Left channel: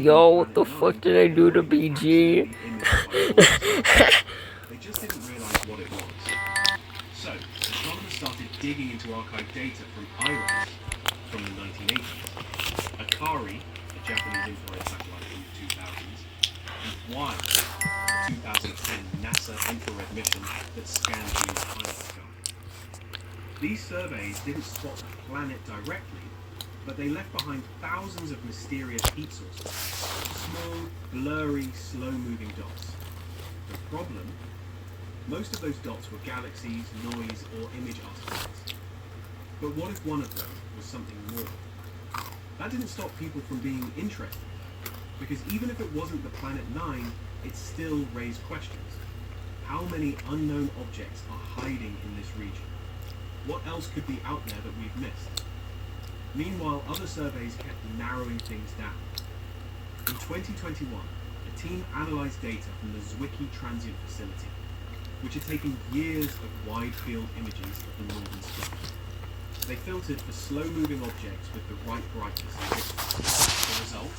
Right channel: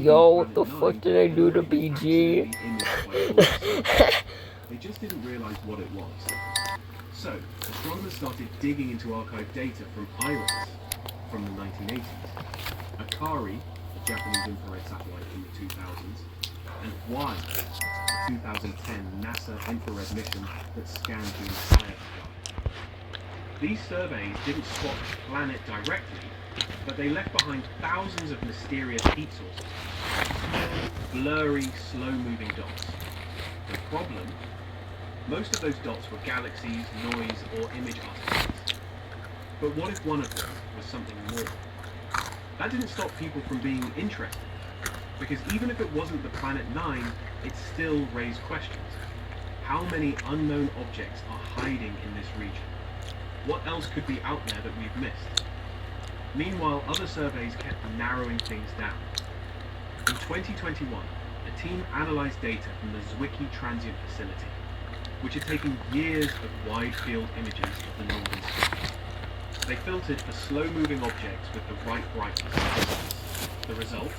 Yo, what the fuck did I do to BG? They just didn't realise what it was. So, astronomers started digging into archived data from IRAS from the 1980s, Akari, a Japanese infrared satellite from the 2000s, and WILD, a 2010 NASA infrared mission that scanned the entire sky. These surveys didn't spot the planet directly, but they left behind thousands of mysterious heat sources, small, blurry, slow-moving dots. The problem? Most of those dots were galaxies, noise, or image artifacts. But what if one of them was something more? That didn't stop people from being interested, because even if it wasn't the Planet 9, it still raised questions. How many unknown objects are hiding in this region? What else could be out there that we've missed? Meanwhile, other surveys kept narrowing things down. In 2021, a team analysed data from the Zwicky Transient Facility, which had taken years of wide-field images of the northern sky. They filtered for slow-moving objects with the right brightness. The result?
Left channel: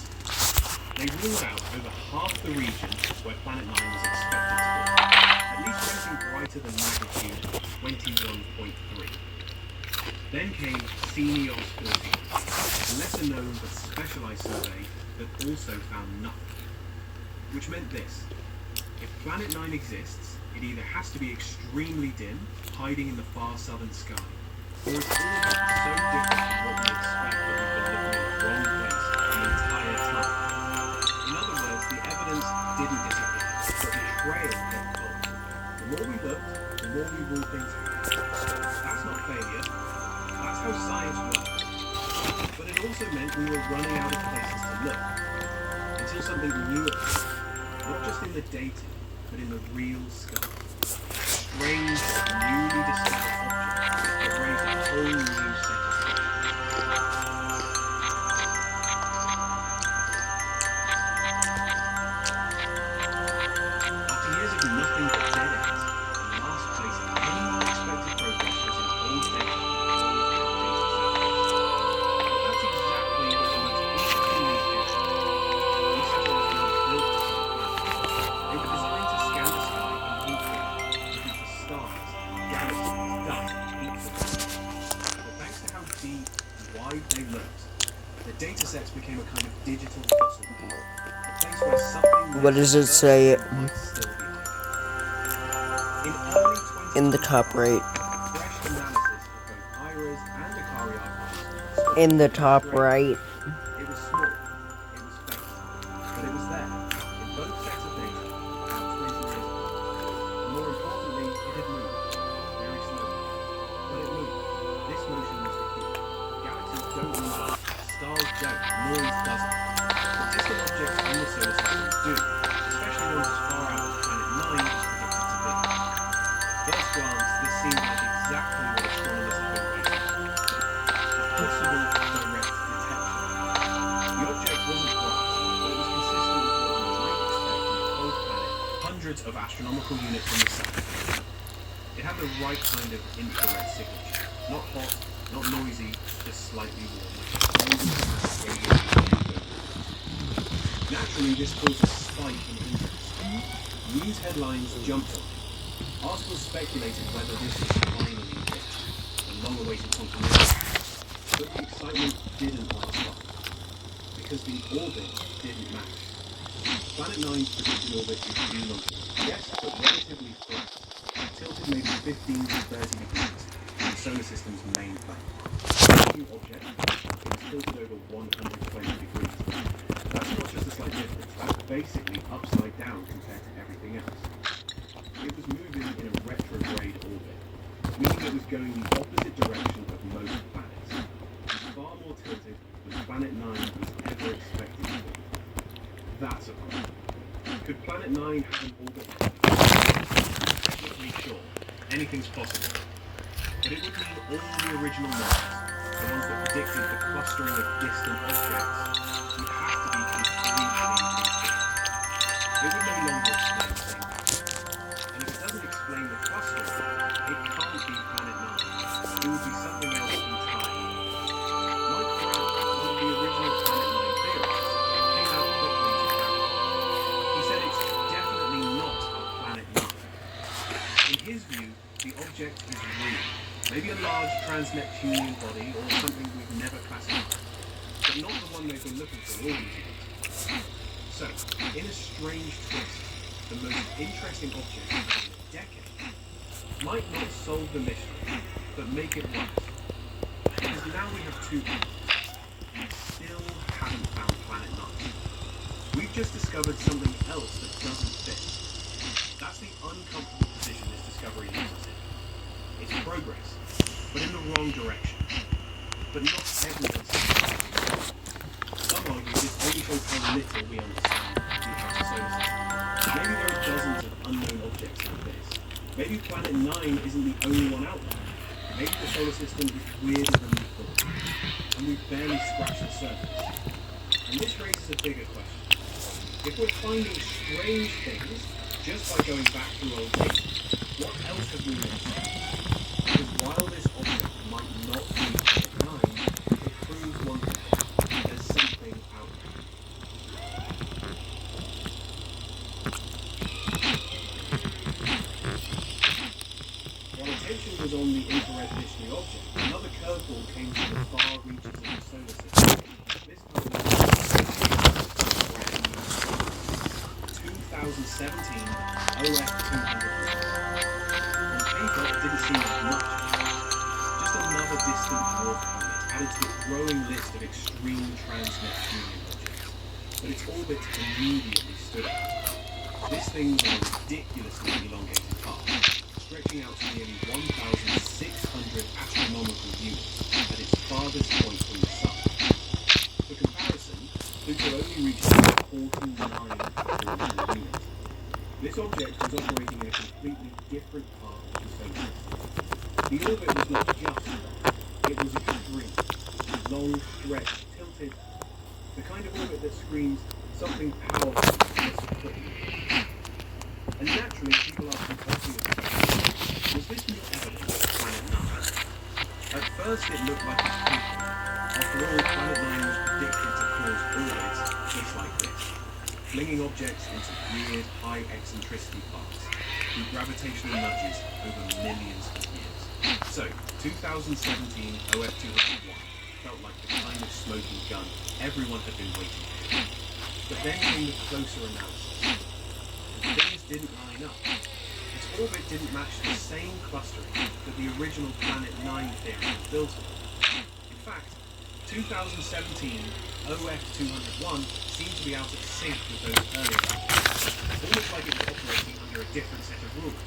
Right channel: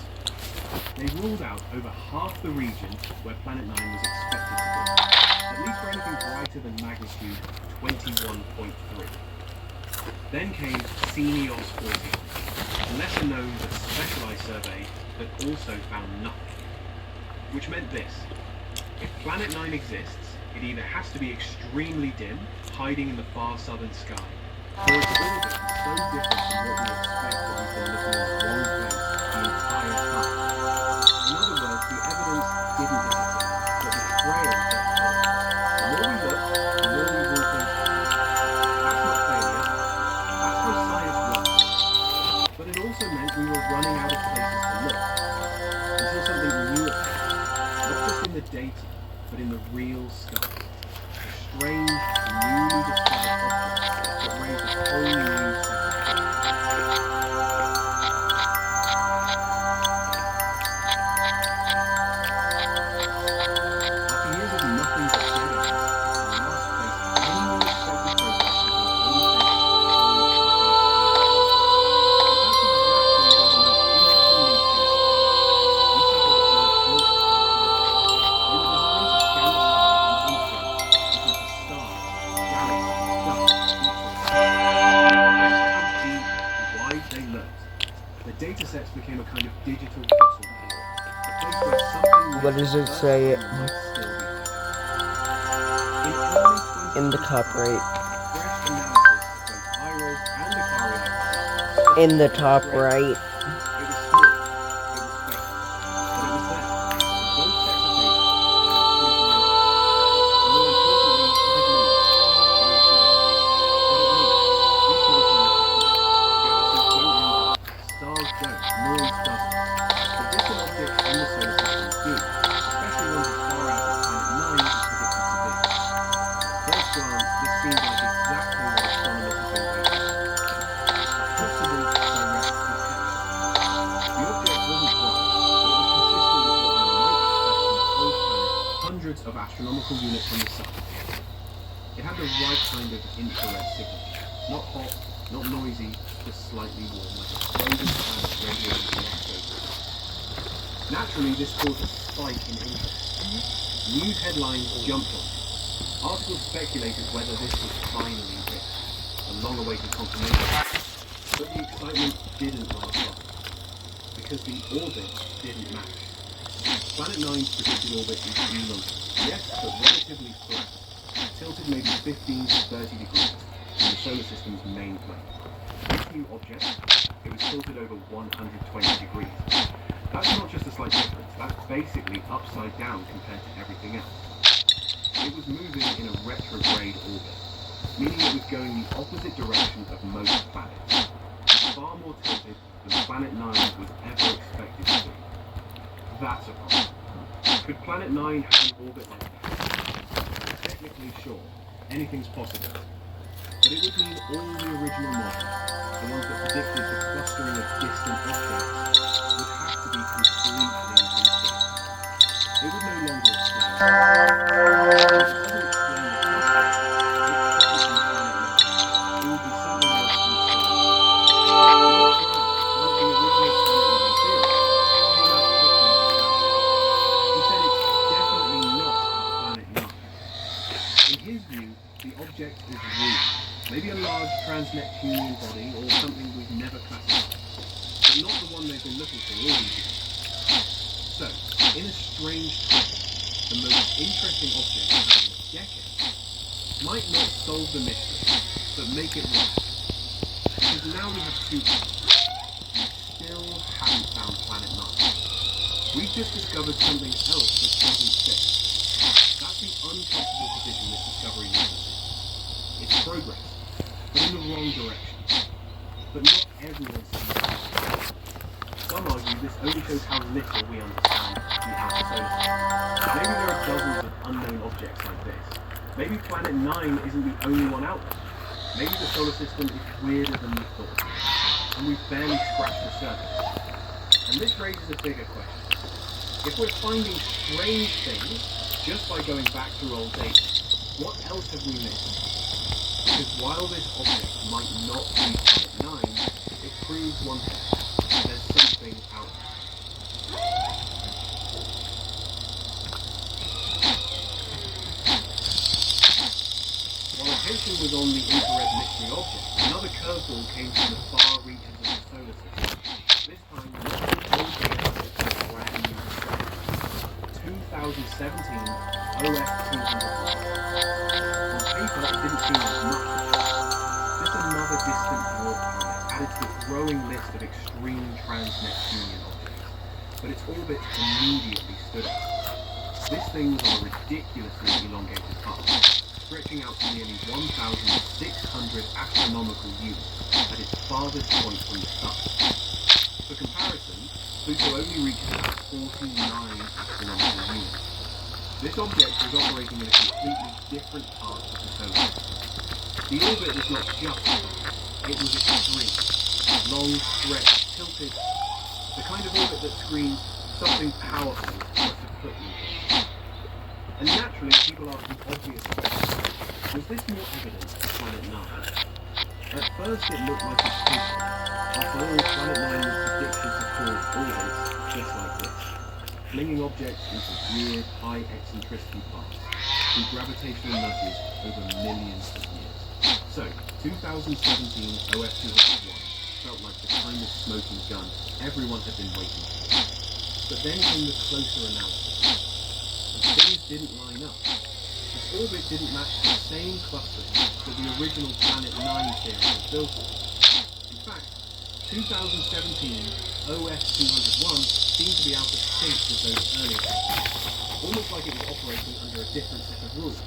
They ruled out over half the region where Planet 9 was expected to be, at least for anything brighter than magnitude 21.3. Then came CNEOS 14, a lesser known but specialised survey that also found nothing. Which meant this: if Planet 9 exists, it either has to be extremely dim, hiding in the far southern sky, or its orbit is so different from what we expect that we've been looking in the wrong place the entire time. In other words, the evidence didn't disappear, but the trail kept following. The more we look, the more we rule things out. That's not failure. That's how science works. But it also meant we were running out of places to look, until something new appeared. Not just in the data, but in the real sky. Strange, newly discovered objects that raised a whole new set of questions. After years of nothing but dead ends, the last place anyone expected progress was in Hays Dennis data sets became a kind of digital fossil pool, a place where something What does it say might still be hiding. In early 20 in the top right? fresh analysis of both IRAS and Akari archives In the top right. it was small, it was faint, but it was there, in both sets of data, about 20 years ago. And more importantly, it had moved, very slowly. But it moved. This motion was the key. Galaxies don't move up, stars don't, noise doesn't. But distant objects in the solar system do, especially ones as far out as Planet 9 is predicted to be. First glance, this seemed like exactly what astronomers had been waiting for. A possible direct detection. The object wasn't bright, but it was consistent with what you might expect from a cold planet hundreds of astronomical units from the sun. It had the right kind of infrared signature. Not hot, not noisy, just slightly warm, like a frozen planet radiating from the. Naturally, this caused a spike in interest. News headlines jumped on it. Articles speculated whether this was finally it, the long-awaited confirmation. But the excitement didn't last long, because the orbit didn't match. Planet 9's predicted orbit is lumpy, yes, but relatively flat, tilted maybe 15 to 30 degrees from the solar system's main planet. For new object, it was tilted over 120 degrees. That's not just a slight difference, that's basically upside down compared to everything else. It was moving in a retrograde orbit, meaning it was going the opposite direction of most planets. It was far more tilted than Planet 9 was ever expected to be. That's a problem. Could Planet 9 have an orbit like that? Technically, sure. Anything's possible. But it would mean all the original models, the ones that predicted the clustering of distant objects, would have to be completely rethought. It would no longer explain the stars. If it doesn't explain the clustering, it can't be Planet 9. It would be something else entirely. Mike Brown, one of the original Planet 9 theorists, came out to put object is real. Maybe a large transneptunian body or something we've never classified, but not the one they've been looking for all these years. So, in a strange twist, the most interesting object in a decade might not solve the mystery, but make it right. Because now we have two clues. We still haven't found Planet 9. We've just discovered something else that doesn't fit. That's the uncomfortable position this discovery leaves us in. It's progress, but in the wrong direction. But not everyone sees it. Some argue this only shows how little we understand the outer solar system. Maybe there are dozens of unknown objects like this. Maybe Planet 9 isn't the only one out there. Maybe the solar system is weirder than we thought, and we've barely scratched the surface. And this raises a bigger question. If we're finding strange things just by going back through old data, what else have we missed? Because while this object might not be Planet 9, it proves one thing. There's something out there. While attention was on the infrared mystery object, another curveball came from the far reaches of the solar system. This time, it was a brand new star. 2017 OF201. On paper, it didn't seem like much. Just another distant dwarf planet added to the growing list of extreme trans-Neptunian objects. But its orbit immediately stood out. This thing was on a ridiculously elongated path, stretching out to nearly 1,600 astronomical units at its farthest point from the Sun. For comparison, Pluto only reaches about 49 astronomical units. This object was operating in a completely different part of the solar system. The orbit was not just long, it was extreme. Long, stretched, tilted. The kind of orbit that screams something powerful must have put me here. And naturally, people ask the obvious question. Was this more evidence of Planet 9? At first it looked like a spoof. After all, Planet 9 was predicted to cause orbits just like this, flinging objects into weird, high eccentricity paths through gravitational nudges over millions of years. So, 2017 OF201 felt like the kind of smoking gun everyone had been waiting for. But then came the closer analysis, and things didn't line up. Its orbit didn't match the same clustering that the original Planet 9 theory was built on. In fact, 2017 OF201 seemed to be out of sync with those earlier ones, almost like it was operating under a different set of rules.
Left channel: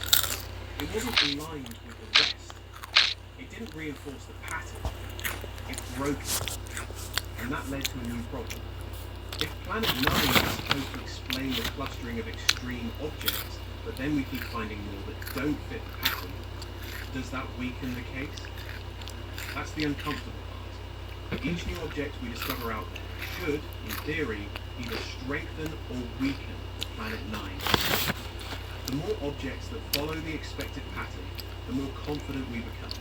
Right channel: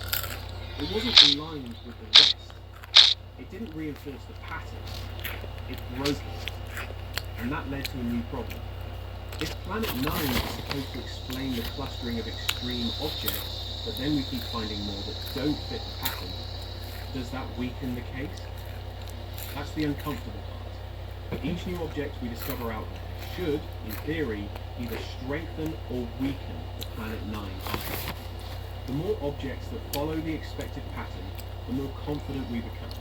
It wasn't aligned with the rest. It didn't reinforce the pattern. It broke it. And that led to a new problem. If Planet 9 is supposed to explain the clustering of extreme objects, but then we keep finding more that don't fit the pattern, does that weaken the case? That's the uncomfortable part. Each new object we discover out there should, in theory, either strengthen or weaken the Planet 9 concept. The more objects that follow the expected pattern, the more confident we become.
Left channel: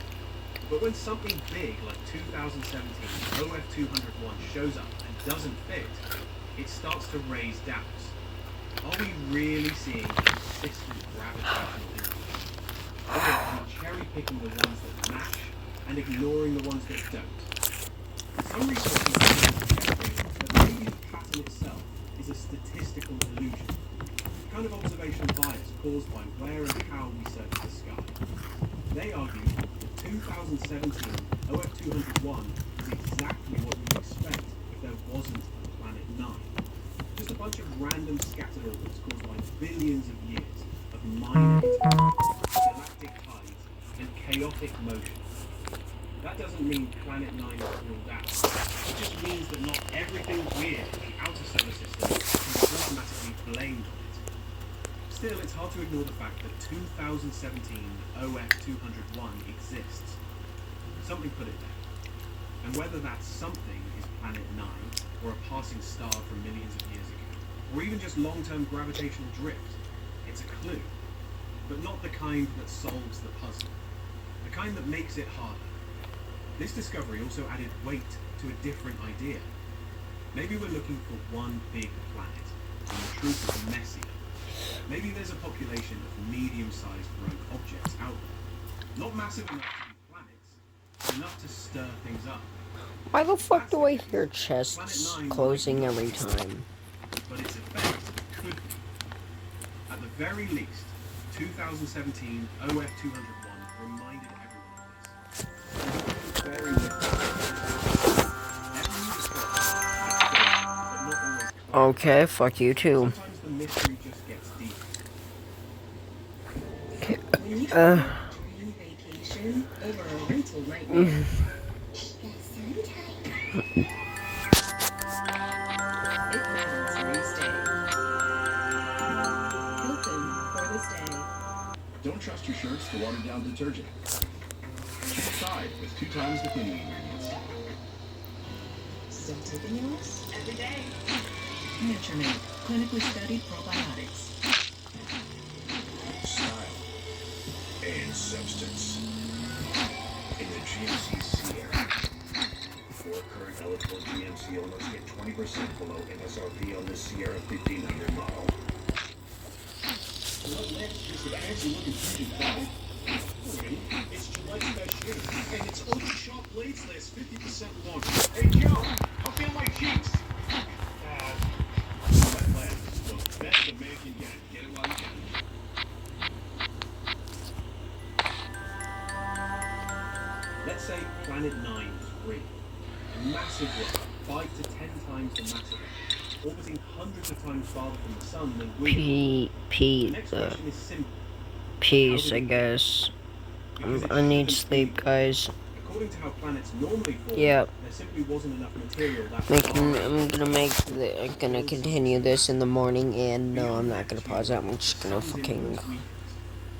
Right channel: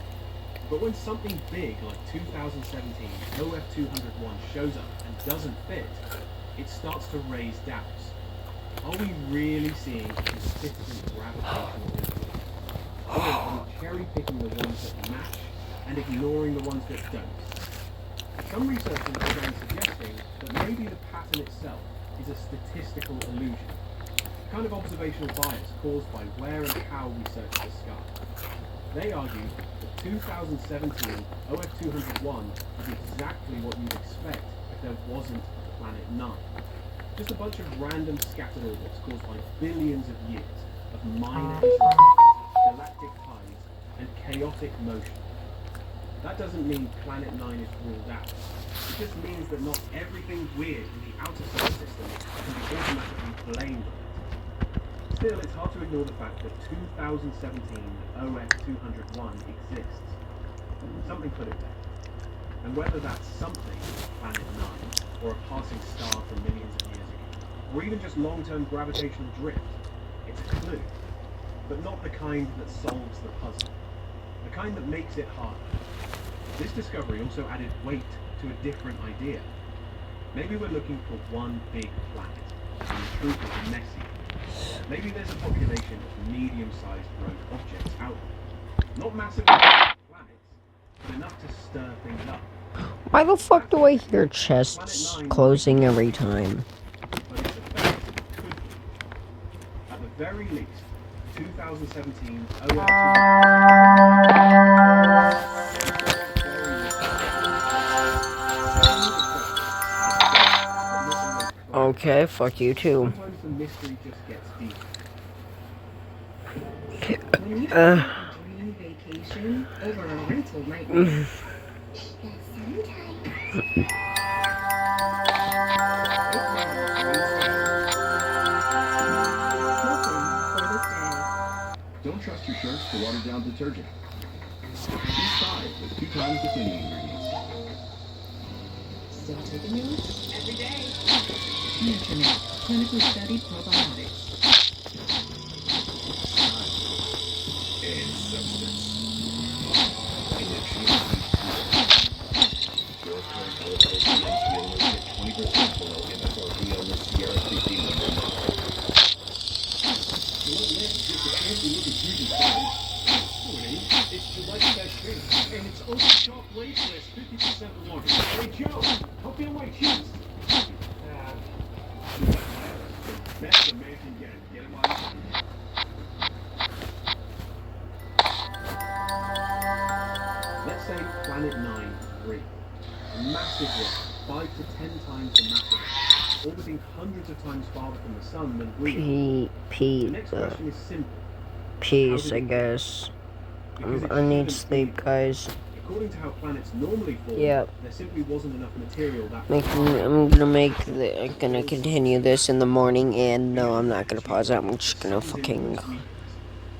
But when something big like 2017 OF201 shows up and doesn't fit, it starts to raise doubts. Are we really seeing a consistent gravitational influence? Or are we cherry-picking the ones that match and ignoring the ones that don't? Some researchers are suggesting that maybe the pattern itself is a statistical illusion, a kind of observational bias caused by where and how we search the sky. They argue that 2017 OF201 is exactly what you'd expect if there wasn't Planet 9. Just a bunch of random scattered orbits caused by billions of years of minor interactions, galactic tides, and chaotic motion. That doesn't mean Planet 9 is ruled out. It just means that not everything weird in the outer solar system can be automatically blamed on it. Still, it's hard to ignore the fact that 2017 OF201 exists. Something put it there. And whether that's something, Planet 9, or a passing star from millions of years ago, or even just long-term gravitational drift, it's a clue. But not the kind that solves the puzzle. The kind that makes it harder. This discovery also added weight to a different idea. Maybe we're looking for one big planet, and the truth is messy. Maybe there's a population of medium-sized rogue objects out there. Not massive planets, enough to stir things up. Why the fuck do I hear chests closing every time? But its effect could be, at the very least, 2017 Okay, fuck you too. Sometimes the mystery just gets deep. Dream vacation over a rental nightmare. Don't trust your shirts to watered down detergent. B5 with 2 times the cleaning ingredients. Still taking notes? Every day. Nutriment, clinically studied probiotics. Style and substance. In the GNC Sierra. 4 current eligible GNC owners get 20% below MSRP on the Sierra 15 number model. It's Gillette's best shave, and it's over sharp blades last 50% longer. Hey Joe, how feel my cheeks? The best a man can get. Get it while you can. Let's say Planet 9 3. Massive rock, 5 to 10 times the mass of it, orbiting hundreds of times farther from the sun than we are. The next question is simple. Peace, I guess. I need sleep, guys. According to how planets normally form, Yep. there simply wasn't enough material that I'm gonna continue this in the morning, and no, I'm not gonna pause it. I'm just gonna fucking.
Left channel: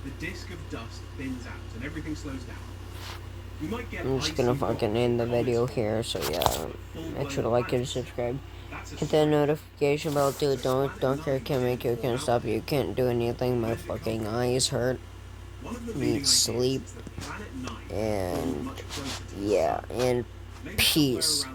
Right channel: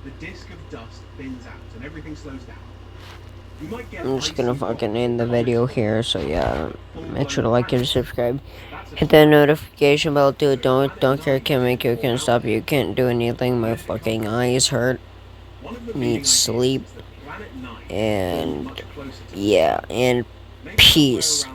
The disk of dust thins out and everything slows down. You might get I'm just gonna icy fucking rock, end the video ice here. So yeah, full-blown make sure to like and planets. subscribe. That's a Hit that notification bell. Do it. Don't care. Can't make you. Can't stop you. Can't do anything. My fucking eyes hurt. one of the Need leading ideas sleep. is that Planet 9 And much closer to yeah, and maybe somewhere peace. around